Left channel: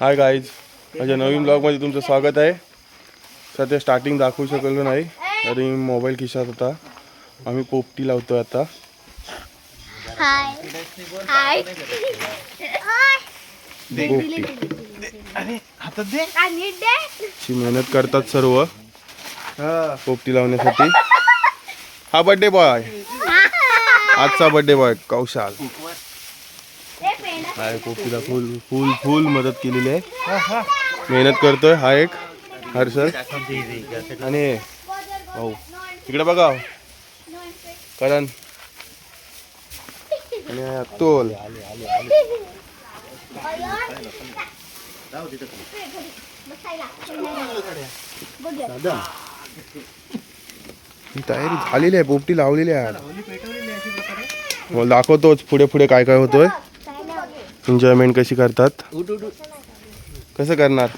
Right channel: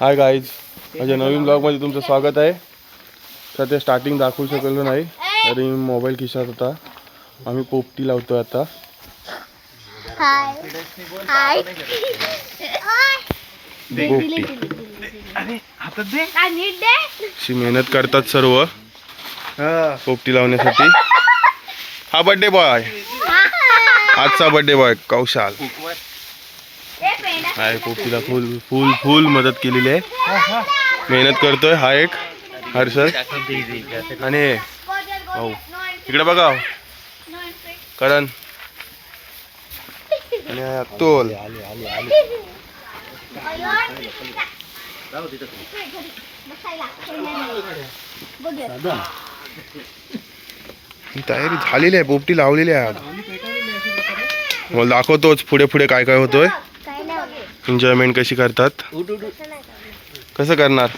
Hi guys, माझ्या नवीन ब्लॉगमध्ये तुमचं स्वागत आहे. सध्या स्टार्टिंग दाखवू शकलो नाही, तरी मोबाईल खिशात होता. आम्ही पोपटी लावतोय आता. पोपटी मेहनत करतात सर्व पोपटी लावण्यासाठी. हा बर्थडे बॉय, आजचा बर्थडे बॉय कौशाल आहे. पोपटीला फुल फुल फुल मदत केलेली आहे, मेहनत करतोय. हा एक हर्षद आणि भाऊ इकडे बघा, करण आणि अतुल. तयारी झालेली आहे, पोपटी लावलेली आहे. मला दाखवतोच पुढे पुढे काय काय होतोय. एन्जॉयमेंट कशी करतात, कसं करणार.